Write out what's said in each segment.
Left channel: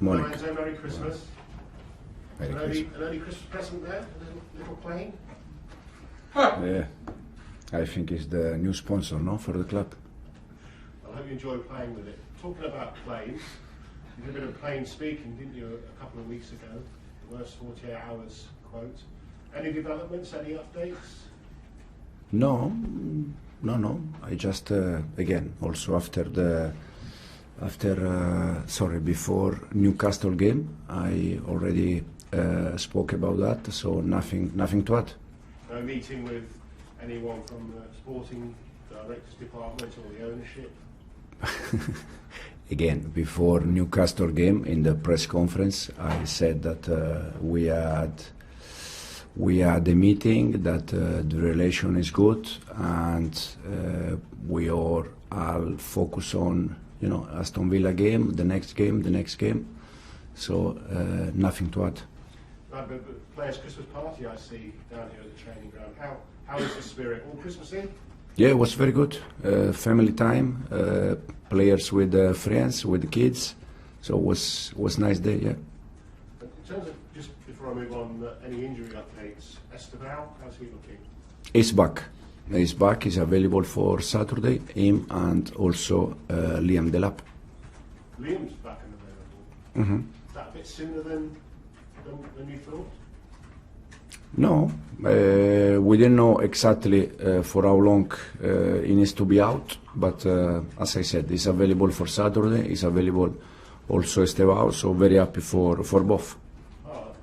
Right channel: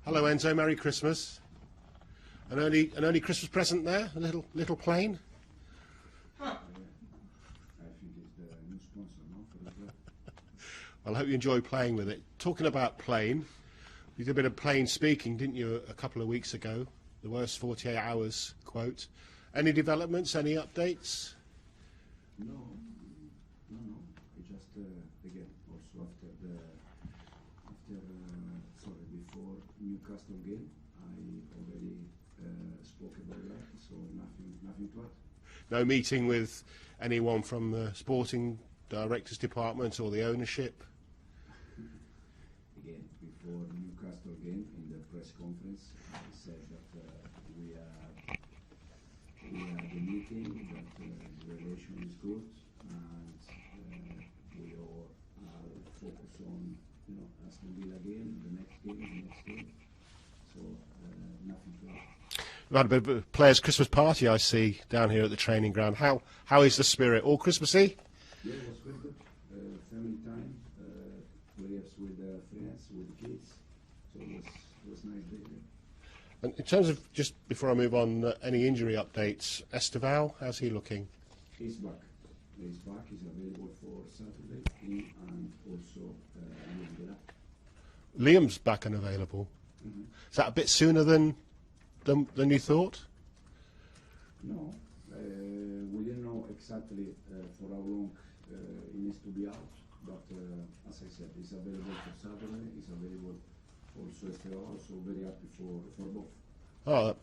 Hello, Morning. Enzo. Merry Christmas. An early Christmas present there, a little plane. Yeah, I think it's the new sponsor, no, for the club. Well, I hope you enjoy playing with it. Talking about plane, you did a bit of plain speaking, didn't you, a couple of weeks ago? The worst 48 hours quote. Any developments? Any updates? No. I just again also before Newcastle game, I already spoke about that. So nothing to add. No meeting with anyone from the sporting directors department or the ownership? Again, before Newcastle game in the press conference, I said that we had a meeting, that the relation is good, and we are all focus on Aston Villa game, the next game. So nothing to add. We had a bit of a players' Christmas party, I see, down here at the training ground. How is the spirit? All Christmassy? Yeah, it was very good. Family time, players with friends, with the kids. So it was nice day, yeah. And in terms of, just before I move on, any injury updates? Esteval, how's he looking? He's back. He's available for Saturday. Him and also Liam Delap. Liam's back and available. Mm-hmm. Is that a bit sooner than you thought? No, we didn't know exactly for how long he needs to be out, but as I said, he's available for Saturday. He's available also Estevao, so very happy for both. Oh,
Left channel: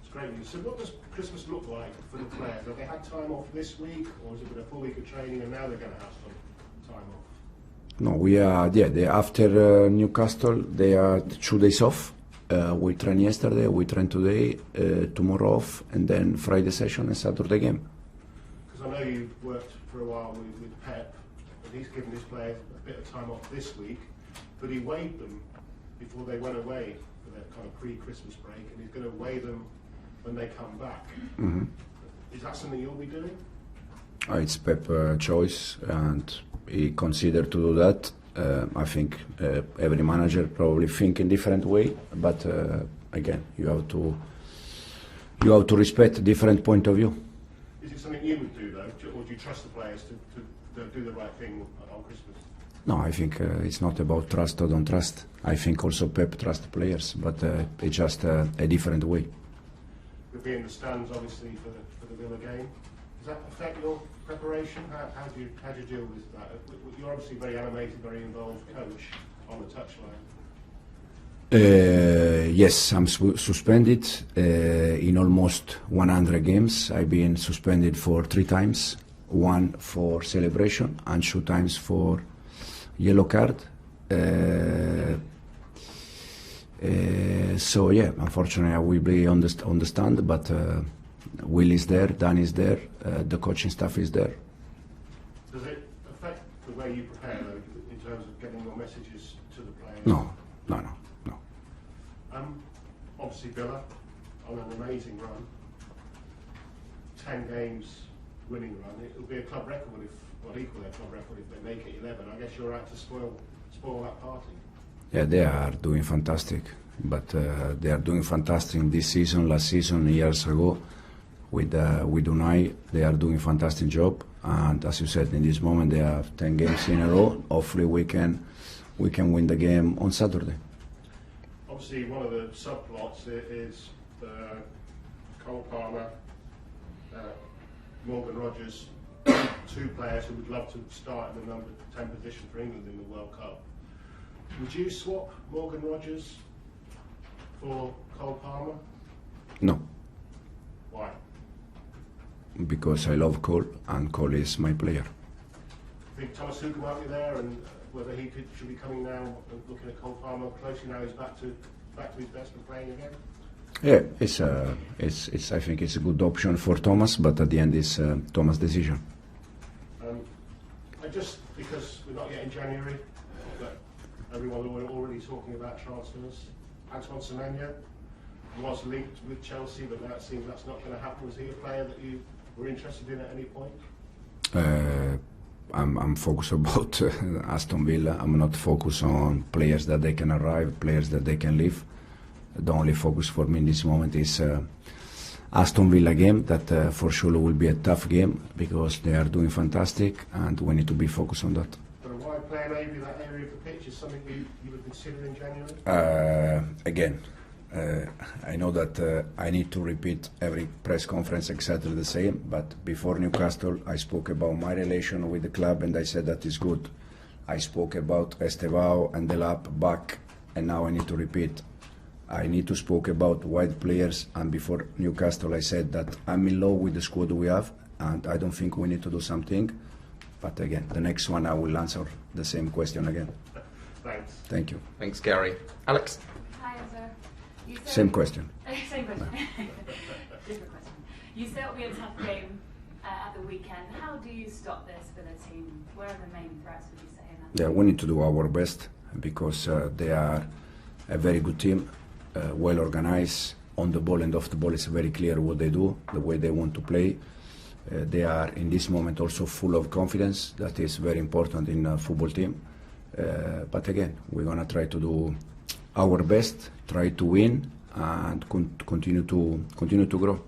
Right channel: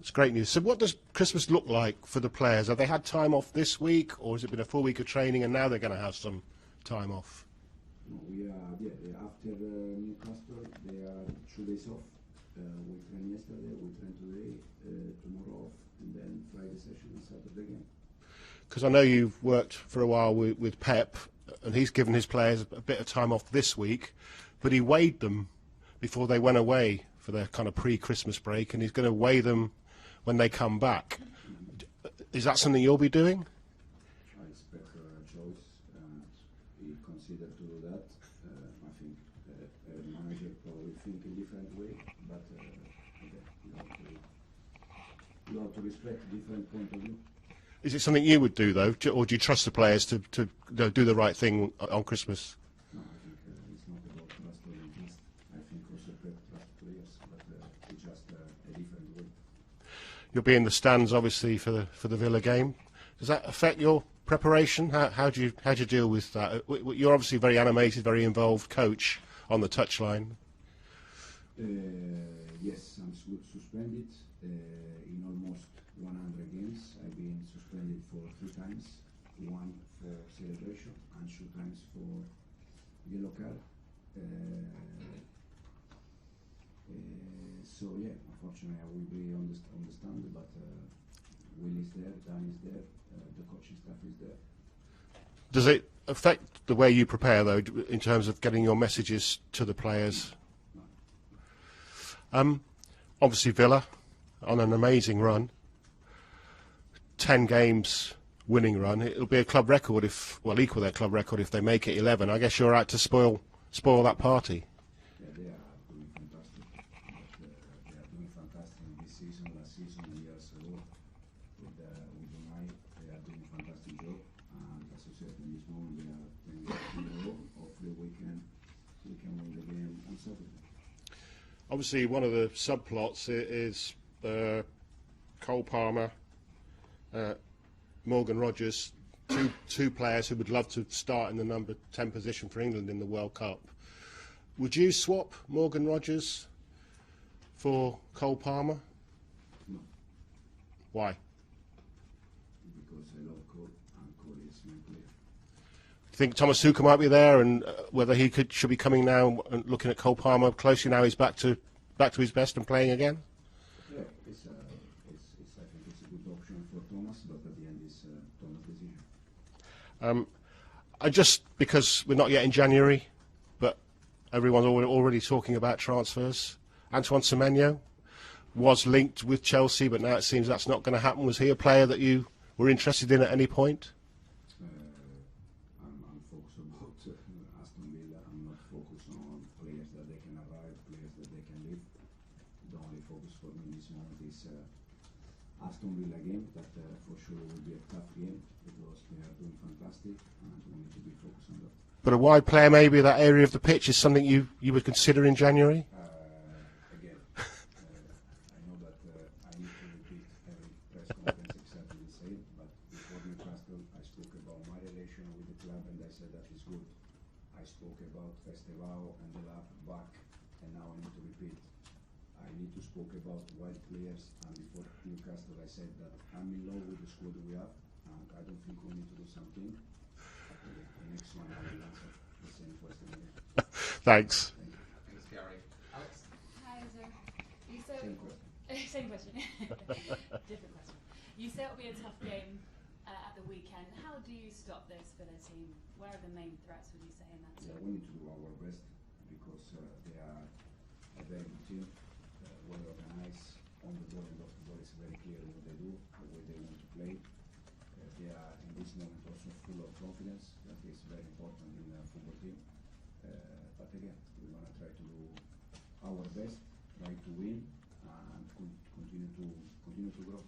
it's great news. So what does Christmas look like for the players? Have they had time off this week, or has it been a full week of training and now they're going to have some time off? No, after Newcastle, they had 2 days off. We trained yesterday, we trained today, tomorrow off, and then Friday session and Saturday game. Because I know you've worked for a while with Pep, and he's given his players a bit of time off this week, but he weighed them before they went away for their kind of pre-Christmas break, and he's going to weigh them when they come back. Mm-hmm. Is that something you'll be doing? It's Pep's choice, and he considered to do that. I think every manager probably think in different way, but again, you have to respect different point of view. Is it something you would do though, or do you trust the players to do the right thing on Christmas? No, I think it's not about trust or don't trust. I think also Pep trusts the players, but it's just a different way. You'll be in the stands obviously for the Villa game. Does that affect your preparation? How do you deal with that? You're obviously a very animated, very involved coach on the touchline. Yes, I'm suspended in almost 100 games. I've been suspended for 3 times, 1 for celebration and 2 times for yellow card. So yeah, unfortunately I will be on the stand, but Will is there, Dan is there, the coaching staff is there. Does it affect the way you prepare, though, in terms of getting your messages to the players? No. Obviously, Villa on an amazing run, 10 games winning run. It'll be a club record equal their club record if they make it 11. I guess you're out to spoil that party. Yeah, they are doing fantastic, but they are doing fantastic this season, last season, years ago. With Unai, they are doing a fantastic job, and as you said, in this moment they have 10 games in a row. Hopefully we can win the game on Saturday. Obviously, one of the subplots is Cole Palmer, Morgan Rogers, 2 players who would love to start in the number 10 position for England in the World Cup. Would you swap Morgan Rogers for Cole Palmer? No. Why? Because I love Cole, and Cole is my player. Think Thomas Tuchel might be there, and whether he should be coming now and looking at Cole Palmer closely now he's back to his best and playing again? Yeah, I think it's a good option for Thomas, but at the end it's Thomas' decision. Because we're not yet in January, but everyone's already talking about transfers. Antoine Semenyo was linked with Chelsea, but now it seems that's not going to happen. Was he a player that you were interested in at any point? I'm focused about Aston Villa. I'm not focused on players that they can arrive, players that they can leave. The only focus for me in this moment is Aston Villa game, that for sure will be a tough game because they are doing fantastic and we need to be focused on that. But a wide player maybe that area of the pitch is something you would consider in January? Again, I know that I need to repeat every press conference exactly the same, but before Newcastle I spoke about my relation with the club and I said that is good. I spoke about Estevao and Delap back, and now I need to repeat. I need to speak about wide players, and before Newcastle I said that I'm in love with the squad we have and I don't think we need to do something. But again, the next one I will answer the same question again. Thanks. Thank you. Thanks, Gary. Alex? Hi, Enzo. Same question. Same question. Different question. You said it'll be a tough game at the weekend. How do you stop this for the team? Where are the main threats, would you say, in that? Yeah, we need to do our best because they are a very good team, well organized. On the ball and off the ball, it's very clear what they do, the way they want to play. They are in this moment also full of confidence. That is very important in a football team. But again, we're gonna try to do our best, try to win, and continue to grow.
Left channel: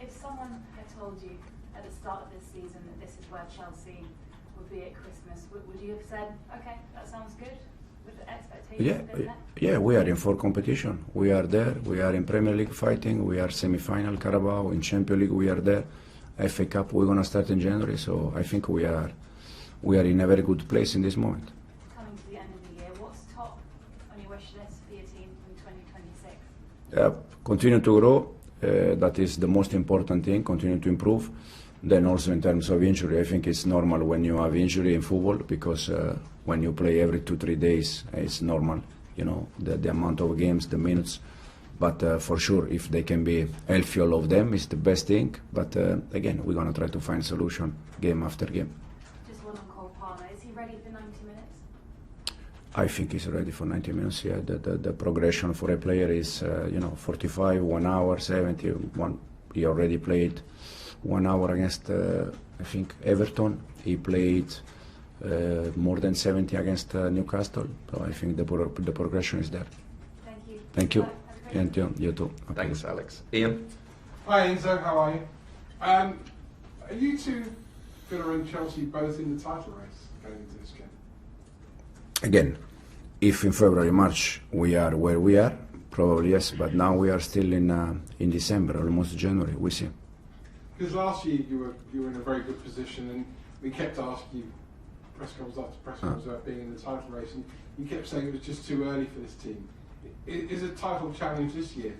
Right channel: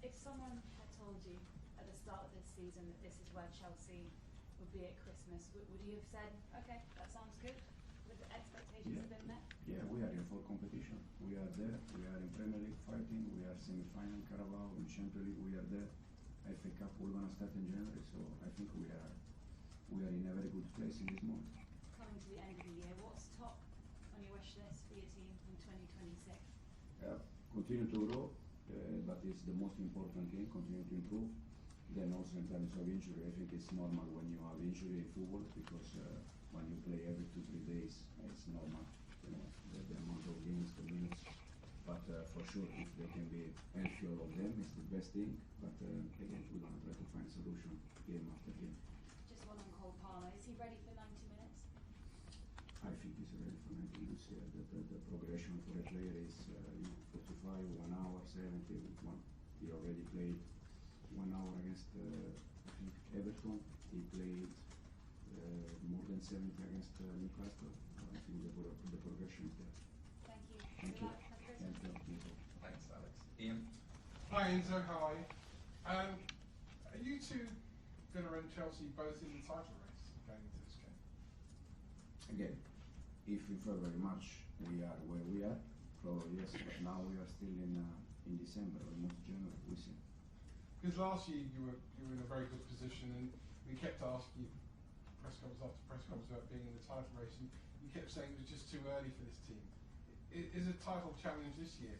If someone had told you at the start of this season that this is where Chelsea would be at Christmas, would you have said, okay, that sounds good, with the expectations a bit there? Yeah, we are in full competition. We are there. We are in Premier League fighting. We are semi-final Carabao. In Champions League, we are there. FA Cup, we're going to start in January. So I think we are in a very good place in this moment. Coming to the end of the year, what's top on your wish list for your team in 2026? Continue to grow. That is the most important thing. Continue to improve. Then also in terms of injury, I think it's normal when you have injury in football because when you play every 2-3 days, it's normal. You know, the amount of games, the minutes. But for sure, if they can be healthy, all of them, is the best thing. But again, we're going to try to find a solution game after game. Just one on Cole Palmer. Is he ready for 90 minutes? I think he's ready for 90 minutes. Yeah, the progression for a player is 45, 1 hour, 70. He already played 1 hour against I think Everton. He played more than 70 against Newcastle. So I think the progression is there. Thank you. Thank you. Bye. And you too. Okay. Thanks, Alex. Ian? Hi Enzo, how are you? Are you two, Villa and Chelsea, both in the title race going into this game? Again, if in February, March we are where we are, probably yes. But now we are still in December, almost January. We see. Because last year you were in a very good position, and we kept asking you press conference after press conference about being in the title race, and you kept saying it was just too early for this team. Is a title challenge this year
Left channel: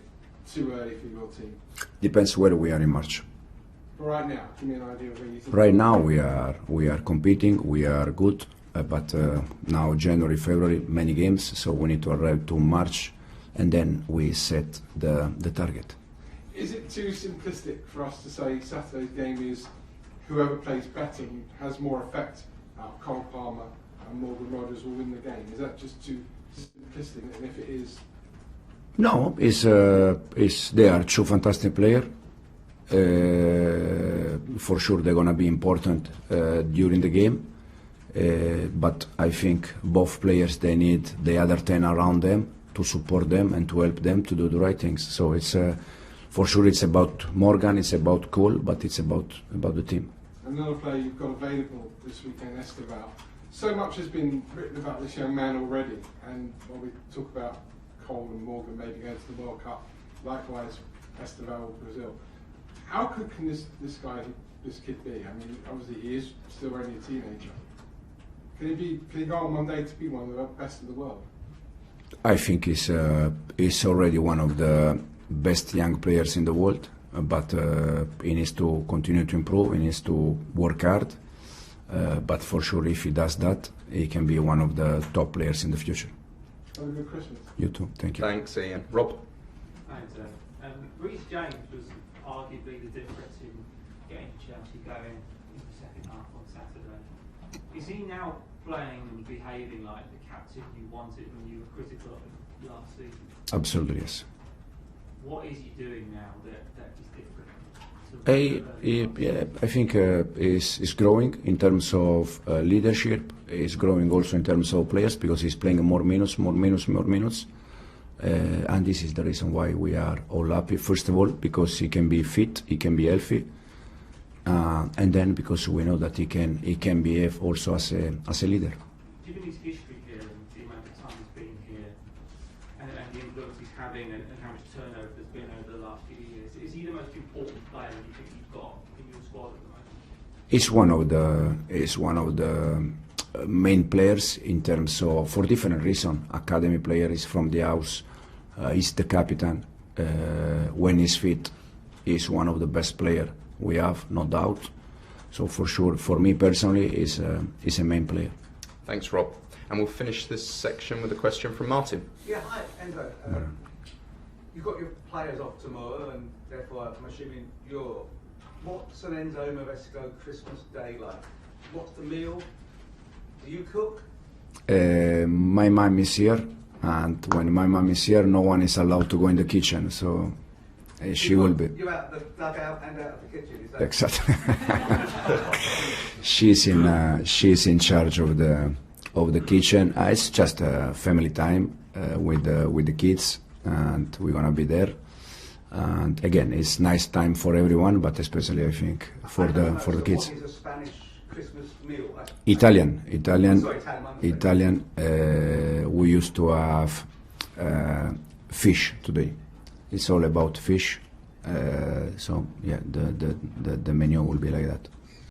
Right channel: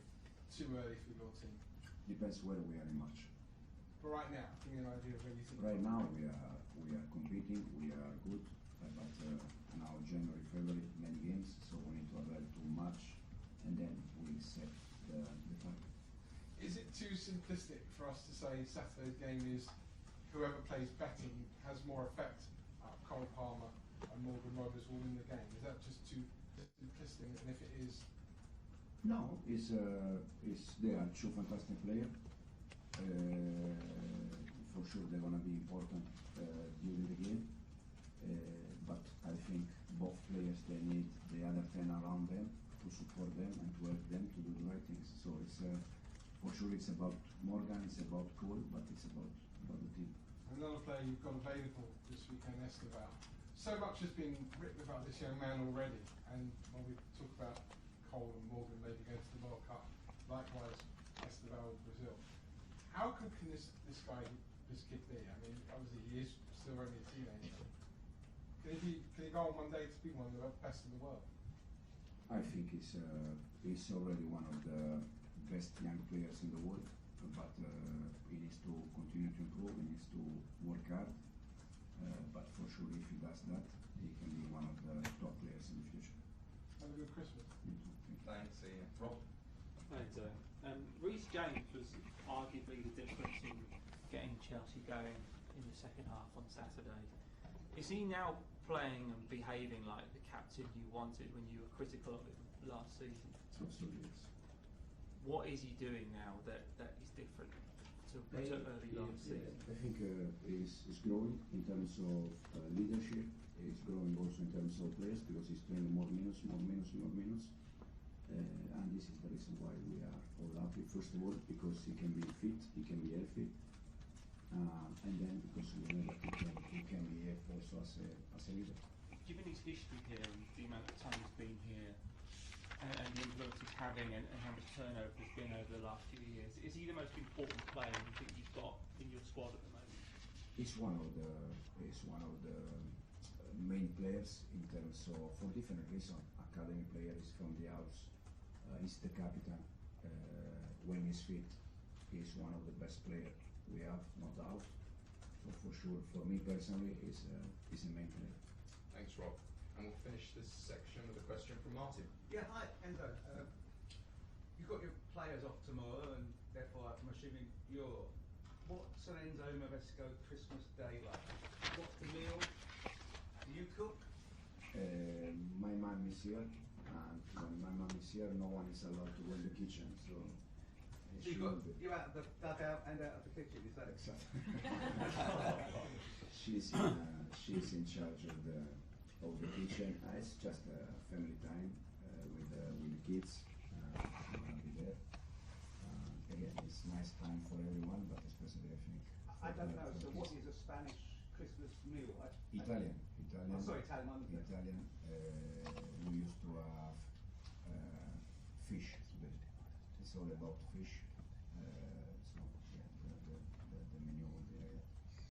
too early for your team? Depends where we are in March. But right now, give me an idea of where you think. Right now we are competing, we are good, but now January, February, many games, so we need to arrive to March, and then we set the target. Is it too simplistic for us to say Saturday's game is whoever plays better and has more effect? Cole Palmer and Morgan Rogers will win the game. Is that just too simplistic? And if it is. No, they are two fantastic players. For sure, they're gonna be important during the game. But I think both players they need the other 10 around them to support them and to help them to do the right things. So it's for sure it's about Morgan, it's about Cole, but it's about the team. Another player you've got available this weekend, Estevao. So much has been written about this young man already, and when we talk about Cole and Morgan maybe going to the World Cup, likewise Estevao of Brazil. How good can this kid be? I mean, obviously he is still only a teenager. Can he go on one day to be one of the best in the world? I think he's already one of the best young players in the world, but he needs to continue to improve, he needs to work hard, but for sure if he does that, he can be one of the top players in the future. Have a good Christmas. You too, thank you. Thanks, Ian. Rob? Thanks, Reece James was arguably the difference in getting Chelsea going in the second half on Saturday. Is he now playing and behaving like the captain you wanted when you were critical of him last season? Absolutely, yes. What is he doing now that is different? I think he's growing in terms of leadership. He's growing also in terms of players because he's playing more minutes. And this is the reason why we are all happy. First of all, because he can be fit, he can be healthy, and then because we know that he can behave also as a leader. Given his history here and the amount of time he's been here, and the influence he's having, and how much turnover there's been over the last few years, is he the most important player you think you've got in your squad at the moment? He's one of the main players in terms of, for different reasons. Academy player is from the house. He's the captain. When he's fit, he's one of the best players we have, no doubt. So for sure, for me personally, he's a main player. Thanks, Rob. And we'll finish this section with a question from Martin. Yeah, hi, Enzo. You've got your players off tomorrow, and therefore I'm assuming you're. What's an Enzo Maresca Christmas day like? What's the meal? Do you cook? My mom is here, and when my mom is here, no one is allowed to go in the kitchen, so she will be. You're out the dugout and out of the kitchen, is that? Exactly. she's in charge of the kitchen. It's just a family time with the kids, and we're gonna be there. And again, it's nice time for everyone, but especially I think for the kids. What is a Spanish Christmas meal? Italian. Sorry, Italian. We used to have fish today. It's all about fish. So yeah, the menu will be like that.